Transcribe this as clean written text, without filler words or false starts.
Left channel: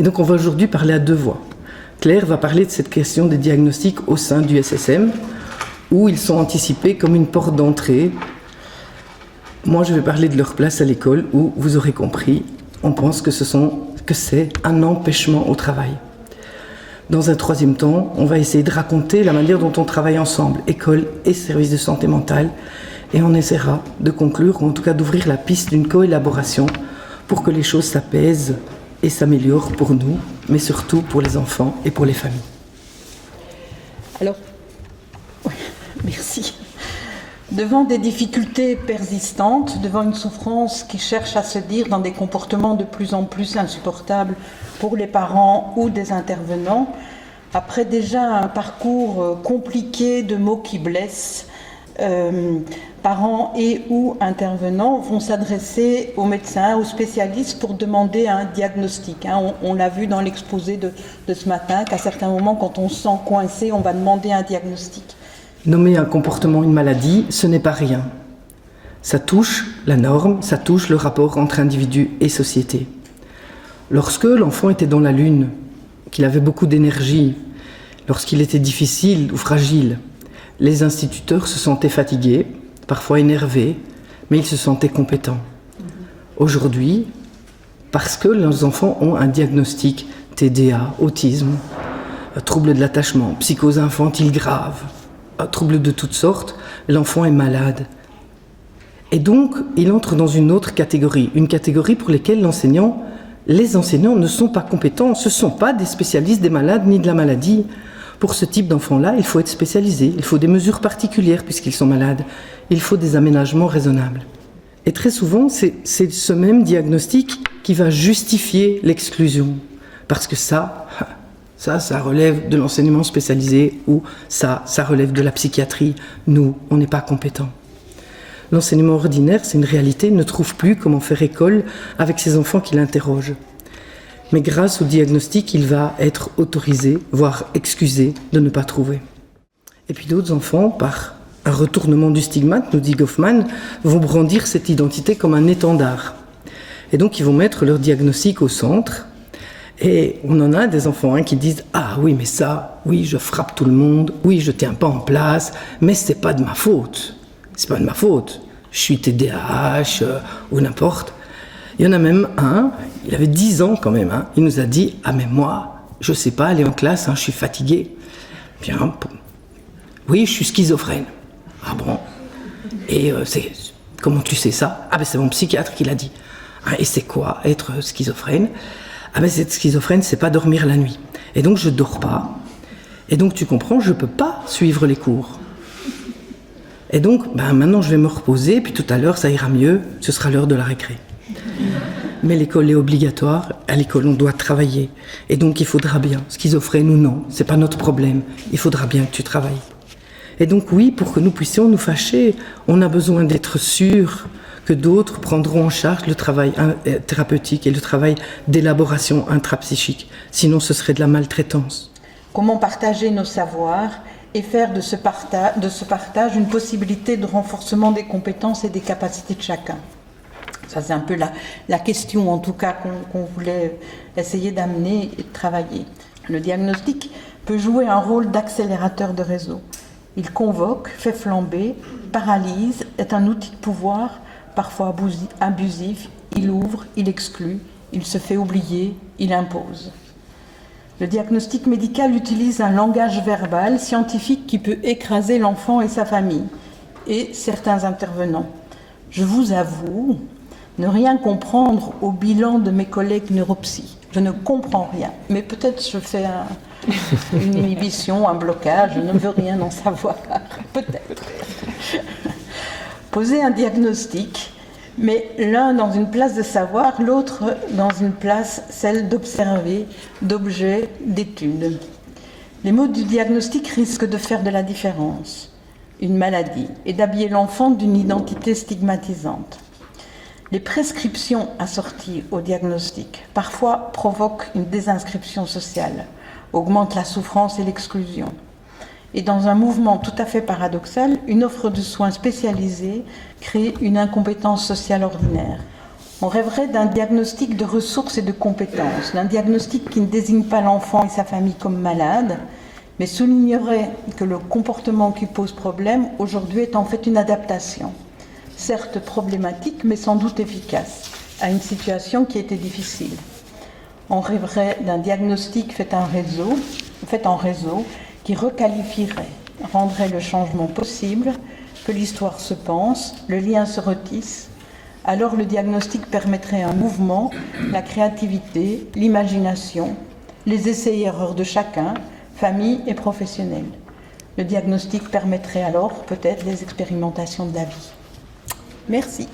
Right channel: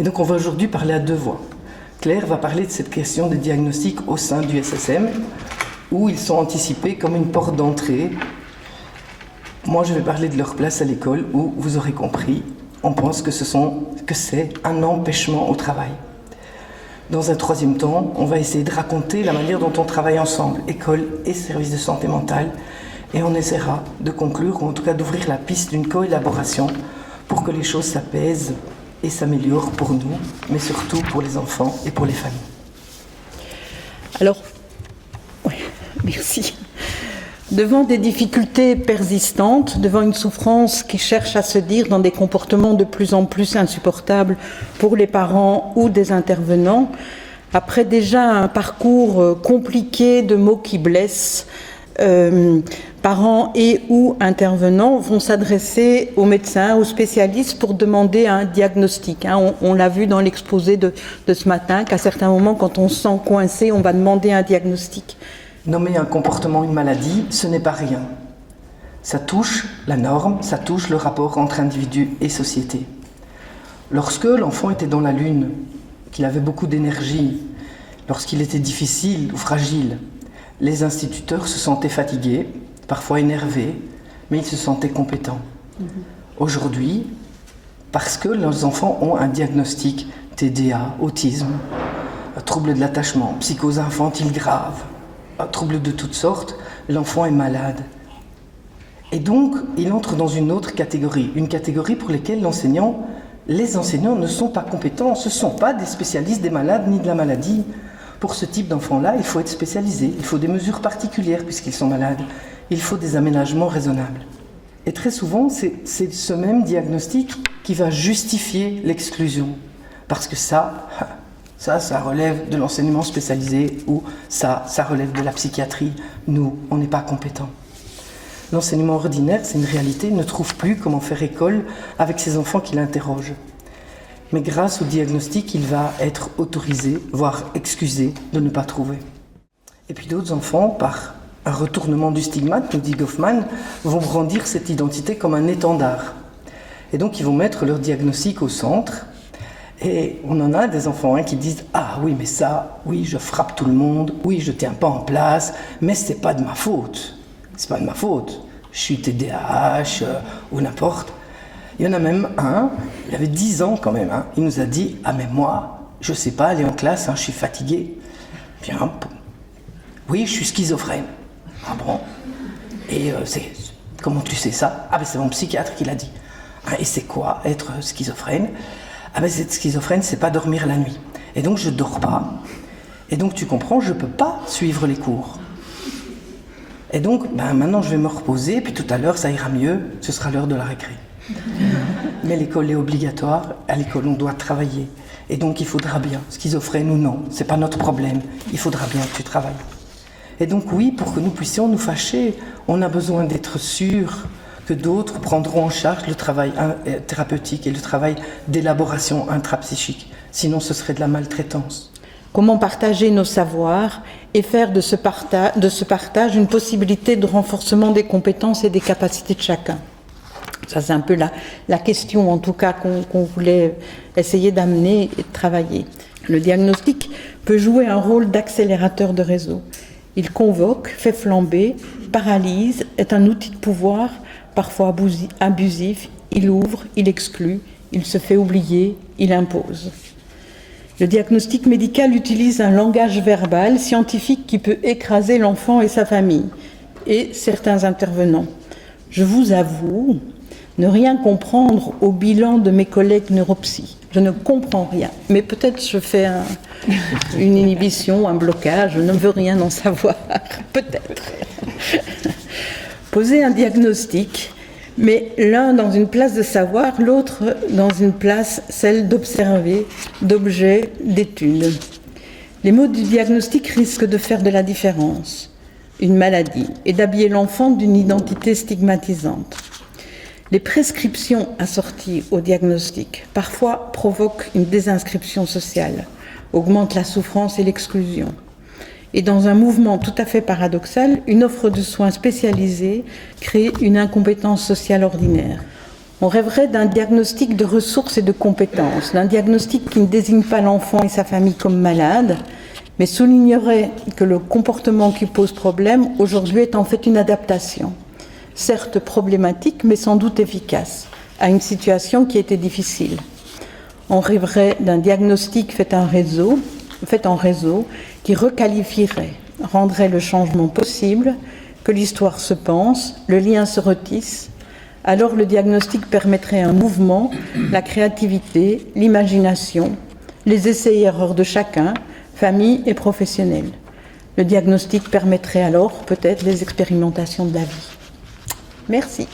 Et donc on va aujourd'hui parler à deux voix. Claire va parler de cette question des diagnostics au sein du SSM, où ils sont anticipés comme une porte d'entrée. Moi, je vais parler de leur place à l'école, où, vous aurez compris, on pense que c'est un empêchement au travail. Dans un troisième temps, on va essayer de raconter la manière dont on travaille ensemble, école et services de santé mentale, et on essaiera de conclure, ou en tout cas d'ouvrir la piste d'une coélaboration pour que les choses s'apaisent et s'améliorent pour nous, mais surtout pour les enfants et pour les familles. Alors, oui, merci. Devant des difficultés persistantes, devant une souffrance qui cherche à se dire dans des comportements de plus en plus insupportables pour les parents ou des intervenants, après déjà un parcours compliqué de mots qui blessent, parents et ou intervenants vont s'adresser aux médecins, aux spécialistes pour demander un diagnostic. On l'a vu dans l'exposé de ce matin, qu'à certains moments, quand on se sent coincé, on va demander un diagnostic. Nommer un comportement une maladie, ce n'est pas rien. Ça touche la norme, ça touche le rapport entre individu et société. Lorsque l'enfant était dans la lune, qu'il avait beaucoup d'énergie, lorsqu'il était difficile ou fragile, les instituteurs se sentaient fatigués, parfois énervés, mais ils se sentaient compétents. Aujourd'hui, parce que nos enfants ont un diagnostic TDA, autisme, trouble de l'attachement, psychose infantile grave, troubles de toutes sortes, l'enfant est malade. Et donc, il entre dans une autre catégorie, une catégorie pour laquelle les enseignants ne sont pas compétents, ce ne sont pas des spécialistes des malades ni de la maladie. Pour ce type d'enfants-là, il faut être spécialisé, il faut des mesures particulières puisqu'ils sont malades, il faut des aménagements raisonnables. Et très souvent, c'est ce même diagnostic qui va justifier l'exclusion, parce que ça relève de l'enseignement spécialisé ou ça relève de la psychiatrie. Nous, on n'est pas compétents. L'enseignement ordinaire, c'est une réalité, il ne trouve plus comment faire école avec ces enfants qui l'interrogent. Mais grâce au diagnostic, il va être autorisé, voire excusé de ne pas trouver. Et puis d'autres enfants, par un retournement du stigmate, nous dit Goffman, vont brandir cette identité comme un étendard. Et donc ils vont mettre leur diagnostic au centre. Et on en a des enfants qui disent « Ah oui, mais ça, oui, je frappe tout le monde, oui, je tiens pas en place, mais c'est pas de ma faute. C'est pas de ma faute. Je suis TDAH ou n'importe. » Il y en a même un, il avait 10 ans quand même, il nous a dit « Ah mais moi, je sais pas aller en classe, je suis fatigué. » Bien, oui, je suis schizophrène. Ah bon? Et comment tu sais ça? Ah ben c'est mon psychiatre qui l'a dit. Et c'est quoi être schizophrène? Ah ben cette schizophrène, c'est pas dormir la nuit. Et donc je dors pas. Et donc tu comprends, je peux pas suivre les cours. Et donc maintenant je vais me reposer, puis tout à l'heure ça ira mieux, ce sera l'heure de la récré. Mais l'école est obligatoire, à l'école on doit travailler. Et donc il faudra bien, schizophrène ou non, c'est pas notre problème, il faudra bien que tu travailles. Et donc oui, pour que nous puissions nous fâcher, on a besoin d'être sûr que d'autres prendront en charge le travail thérapeutique et le travail d'élaboration intrapsychique. Sinon, ce serait de la maltraitance. Comment partager nos savoirs et faire de ce partage une possibilité de renforcement des compétences et des capacités de chacun? Ça, c'est un peu la question, en tout cas, qu'on voulait essayer d'amener et de travailler. Le diagnostic peut jouer un rôle d'accélérateur de réseau. Il convoque, fait flamber, paralyse, est un outil de pouvoir, parfois abusif, il ouvre, il exclut, il se fait oublier, il impose. Le diagnostic médical utilise un langage verbal scientifique qui peut écraser l'enfant et sa famille, et certains intervenants. Je vous avoue ne rien comprendre au bilan de mes collègues neuropsy. Je ne comprends rien, mais peut-être je fais une inhibition, un blocage, je ne veux rien en savoir, peut-être. Poser un diagnostic, mais l'un dans une place de savoir, l'autre dans une place, celle d'observer, d'objet, d'étude. Les mots du diagnostic risquent de faire de la différence, une maladie, et d'habiller l'enfant d'une identité stigmatisante. Les prescriptions assorties au diagnostic parfois provoquent une désinscription sociale, augmentent la souffrance et l'exclusion. Et dans un mouvement tout à fait paradoxal, une offre de soins spécialisée crée une incompétence sociale ordinaire. On rêverait d'un diagnostic de ressources et de compétences, d'un diagnostic qui ne désigne pas l'enfant et sa famille comme malades, mais soulignerait que le comportement qui pose problème aujourd'hui est en fait une adaptation, certes problématique, mais sans doute efficace, à une situation qui était difficile. On rêverait d'un diagnostic fait en réseau, qui requalifierait, rendrait le changement possible, que l'histoire se pense, le lien se retisse. Alors le diagnostic permettrait un mouvement, la créativité, l'imagination, les essais et erreurs de chacun, famille et professionnels. Le diagnostic permettrait alors peut-être les expérimentations de la vie. Merci.